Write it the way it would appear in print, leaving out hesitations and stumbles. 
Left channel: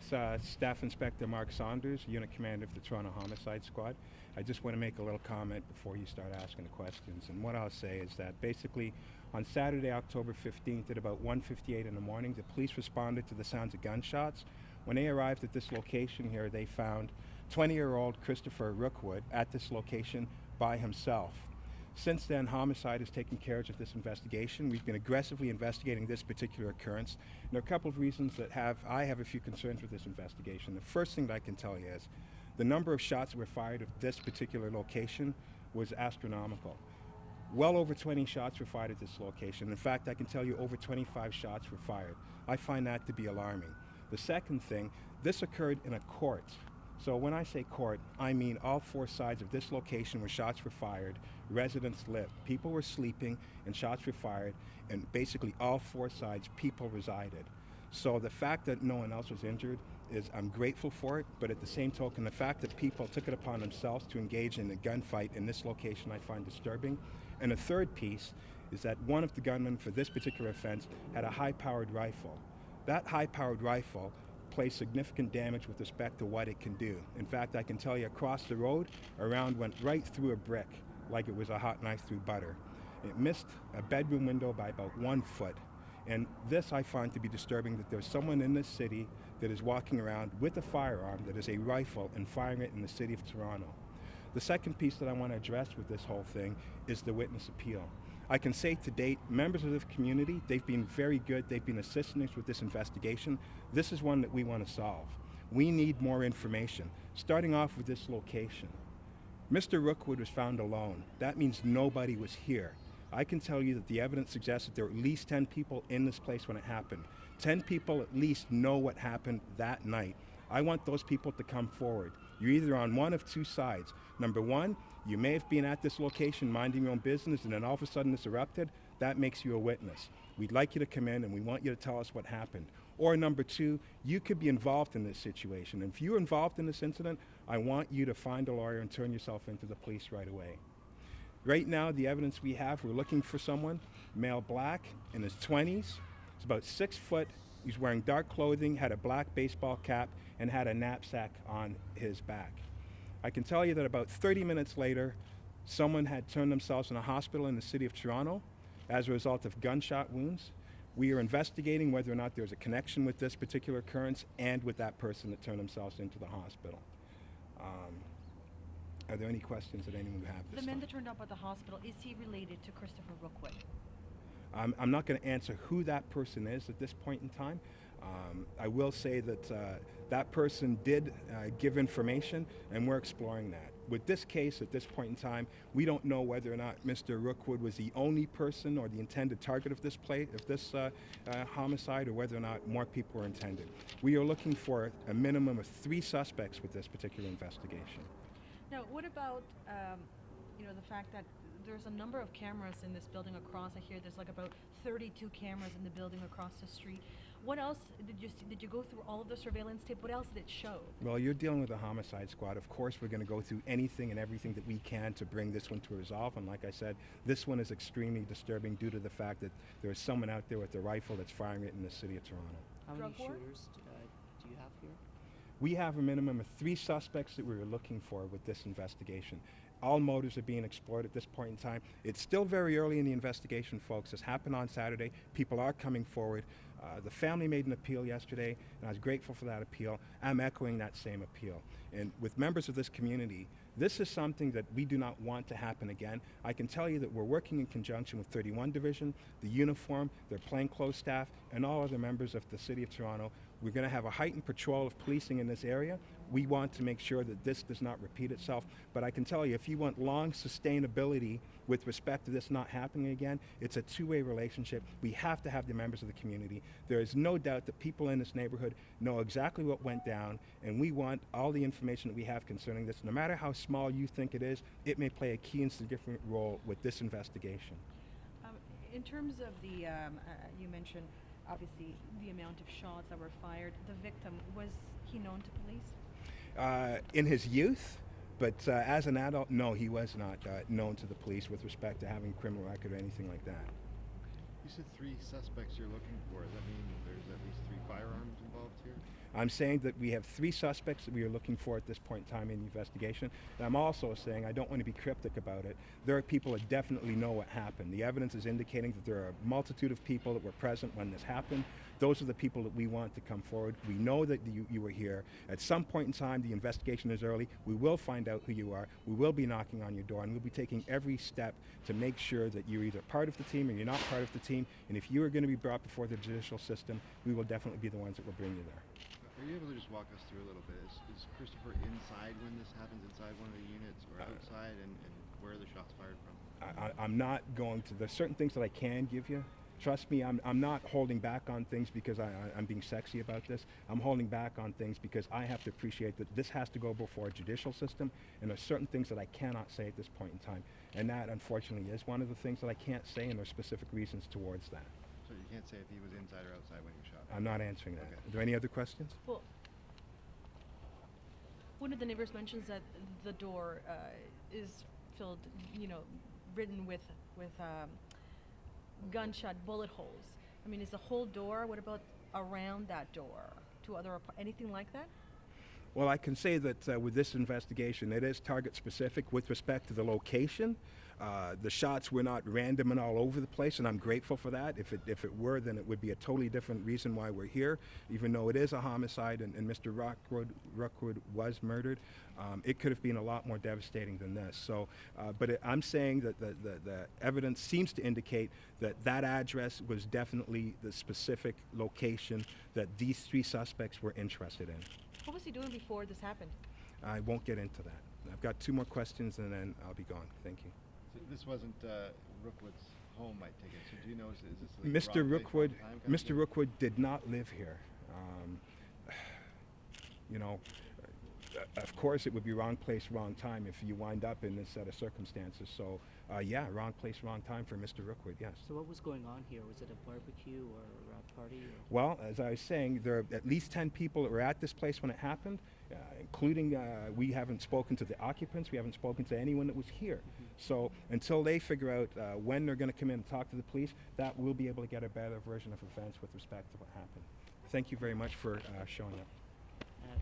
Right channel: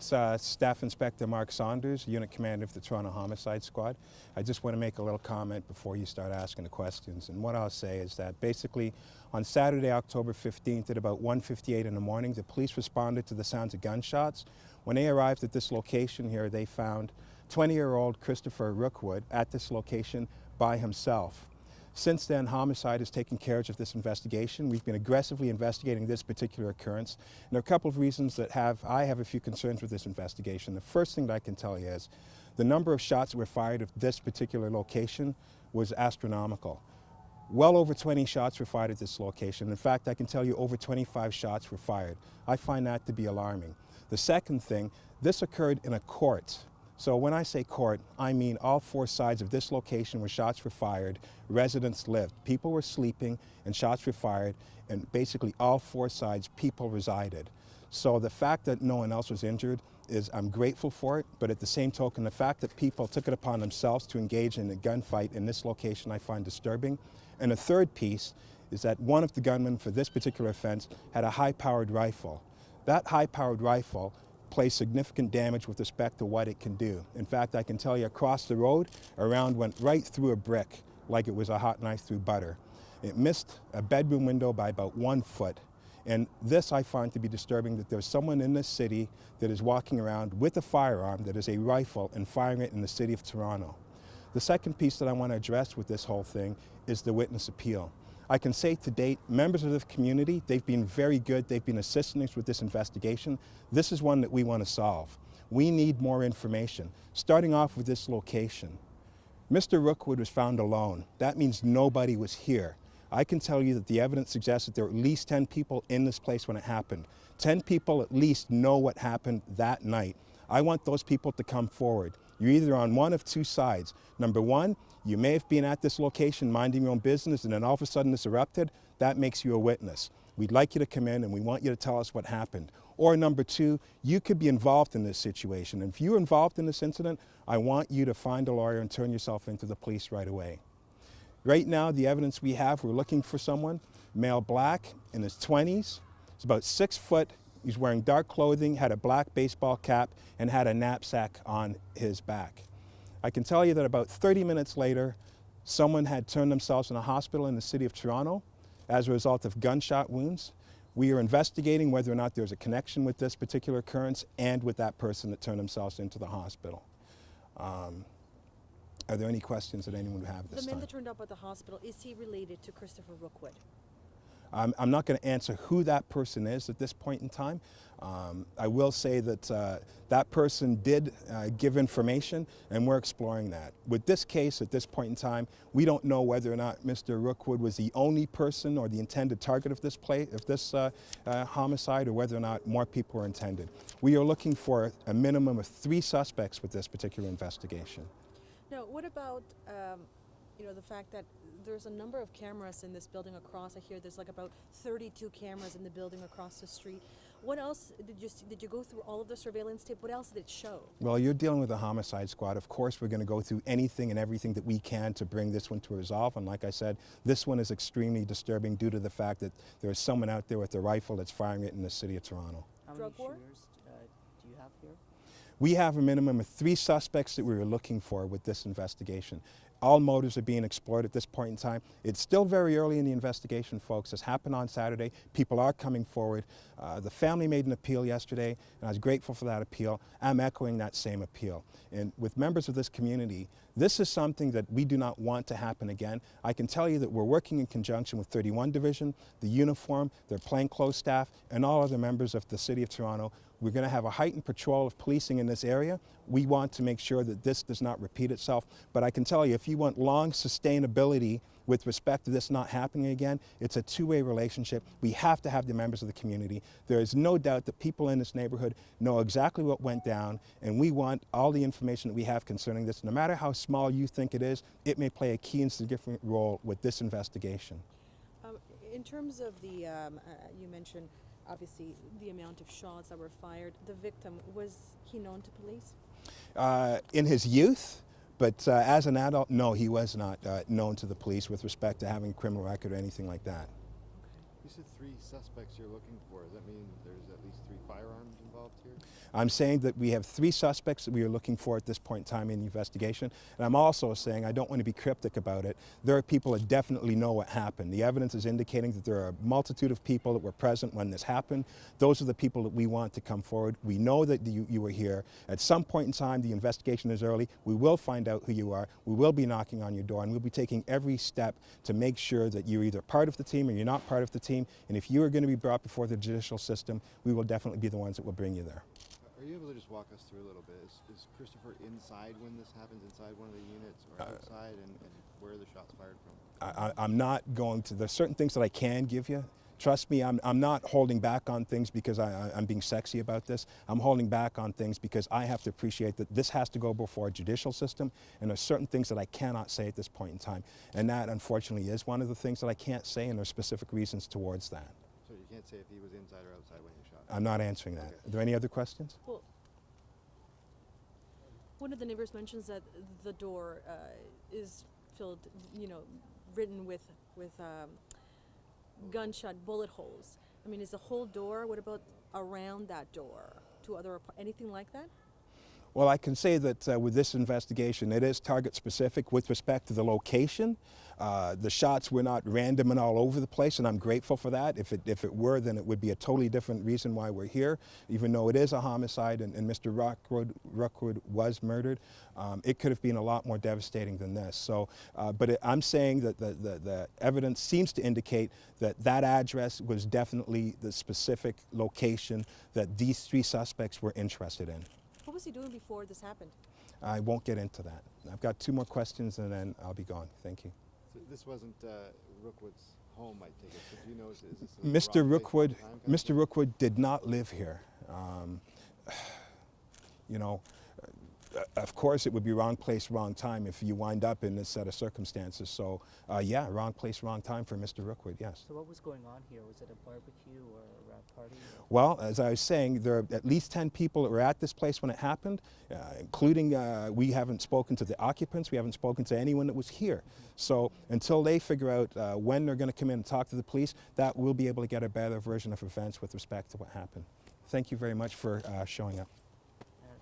It's Staff Inspector Mark Saunders, Unit Commander of the Toronto Homicide Squad. I just want to make a little comment before you start asking the questions. And what I'll say is that basically on Saturday, October 15th at about 1:58 in the morning, the police responded to the sounds of gunshots. When they arrived at this location here, they found 20-year-old Christopher Rookwood at this location by himself. Since then, homicide has taken care of this investigation. We've been aggressively investigating this particular occurrence. And there are a couple of reasons that I have a few concerns with this investigation. The first thing that I can tell you is the number of shots that were fired at this particular location was astronomical. Well over 20 shots were fired at this location. In fact, I can tell you over 25 shots were fired. I find that to be alarming. The second thing, this occurred in a court. So when I say court, I mean all four sides of this location where shots were fired, residents lived. People were sleeping and shots were fired, and basically all four sides, people resided. So the fact that no one else was injured I'm grateful for it, but at the same token, the fact that people took it upon themselves to engage in a gunfight in this location I find disturbing. And a third piece is that one of the gunmen for this particular offense had a high-powered rifle. That high-powered rifle plays significant damage with respect to what it can do. In fact, I can tell you across the road, a round went right through a brick like it was a hot knife through butter. It missed a bedroom window by about 1 foot. And this I find to be disturbing, that there's someone in this city that is walking around with a firearm that is a rifle and firing it in the city of Toronto. The second piece that I want to address with this whole thing is the witness appeal. I can say to date, members of the community, they've been very good. They've been assisting us with this investigation. This is one that we want to solve. We need more information. Starting off with this location. Mr. Rookwood was found alone. That means nobody was here. I can tell you that the evidence suggests that there were at least 10 people in this place when it happened. 10 people at least know what happened that night. I want those people to come forward. You're either on one of two sides. Number one, you may have been at this location minding your own business and then all of a sudden this erupted. That makes you a witness. We'd like you to come in and we want you to tell us what happened. Or number two, you could be involved in this situation. If you're involved in this incident, I want you to find a lawyer and turn yourself into the police right away. Right now, the evidence we have, we're looking for someone, male black, in his 20s. He's about 6 foot. He's wearing dark clothing, had a black baseball cap, and had a knapsack on his back. I can tell you that about 30 minutes later, someone had turned themselves in a hospital in the city of Toronto as a result of gunshot wounds. We are investigating whether or not there's a connection with this particular occurrence and with that person that turned themselves into the hospital. Are there any questions that anyone would have this time? The man that turned up at the hospital, is he related to Christopher Rookwood? I'm not going to answer who that person is at this point in time. I will say that that person did give information, and we're exploring that. With this case, at this point in time, we don't know whether or not Mr. Rookwood was the only person or the intended target of this homicide, or whether or not more people were intended. We are looking for a minimum of 3 suspects with this particular investigation. Now, what about the fact that there's a number of cameras in this building across it here? There's like about 32 cameras in the building across the street. What else did you see? Did you go through all of the surveillance tape? What else did it show? Well, you're dealing with a homicide squad. Of course, we're going to go through anything and everything that we can to bring this one to a resolve. And like I said, this one is extremely disturbing due to the fact that there's someone out there with a rifle that's firing it in the city of Toronto. How many shooters do you have here? We have a minimum of 3 suspects that we were looking for with this investigation. All motives are being explored at this point in time. It's still very early in the investigation, folks. This happened on Saturday. People are coming forward. The family made an appeal yesterday, and I was grateful for that appeal. I'm echoing that same appeal. And with members of this community, this is something that we do not want to happen again. I can tell you that we're working in conjunction with 31 Division, the uniform, their plainclothes staff, and all other members of the City of Toronto. We're going to have a heightened patrol of policing in this area. We want to make sure that this does not repeat itself. But I can tell you, if you want long sustainability with respect to this not happening again, it's a two-way relationship. We have to have the members of the community. There is no doubt that people in this neighborhood know exactly what went down, and we want all the information that we have concerning this. No matter how small you think it is, it may play a key and significant role with this investigation. In terms of the, you mentioned obviously the amount of shots that were fired. The victim, was he known to police? In his youth, but as an adult, no, he was not known to the police with respect to having a criminal record or anything like that. You said 3 suspects you're looking for. Does that mean there's at least 3 firearms involved here? I'm saying that we have 3 suspects that we are looking for at this point in time in the investigation. And I'm also saying, I don't want to be cryptic about it, there are people that definitely know what happened. The evidence is indicating that there are a multitude of people that were present when this happened. Those are the people that we want to come forward. We know that you were here. At some point in time, the investigation is early. We will find out who you are. We will be knocking on your door, and we'll be taking every step to make sure that you're either part of the team or you're not part of the team. And if you are going to be brought before the judicial system, we will definitely be the ones that will bring you there. Are you able to just walk us through a little bit? Is Christopher inside when this happens, inside one of the units, or outside, and where are the shots fired from? I'm not going to, there's certain things that I can give you. Trust me, I'm not holding back on things because I'm being sexy about this. I'm holding back on things because I have to appreciate that this has to go before a judicial system, and there's certain things that I cannot say at this point in time. And that, unfortunately, is one of the things that I can't say, and there's specific reasons towards that. So you can't say if he was inside or outside when he shot? I'm not answering that. Are there any other questions? Well, one of the neighbors mentions that the door is filled, written with gunshot bullet holes. I mean, is the whole door? What about around that door? Anything like that? Well, I can say that with this investigation, it is target specific with respect to the location. The shots were not random and all over the place, and I'm grateful for that. If it were, then it would be a totally different reason why we're here. Even though it is a homicide and Mr. Rookwood was murdered, it could have been a lot more devastating than this. So, I'm saying that the evidence seems to indicate that address was definitely the specific location that these 3 suspects were interested in. What was he doing before this happened? I won't get into that. I've got 2 more questions and then I'll be gone. Thank you. So this wasn't Rookwood's home, I take it. So do you know, is this like Mr. Rookwood did not live here. Of course it would be wrong place, wrong time if you wind up in this set of circumstances. So, yeah, wrong place, wrong time for Mr. Rookwood, yes. So what was going on here? Was it a barbecue or a party? Well, as I was saying, there are at least 10 people that were at this place when it happened, including we haven't spoken to the occupants, we haven't spoken to anyone that was here. So until they figure out when they're going to come in and talk to the police, that we'll be able to get a better version of events with respect to what happened. Thank you very much for showing up.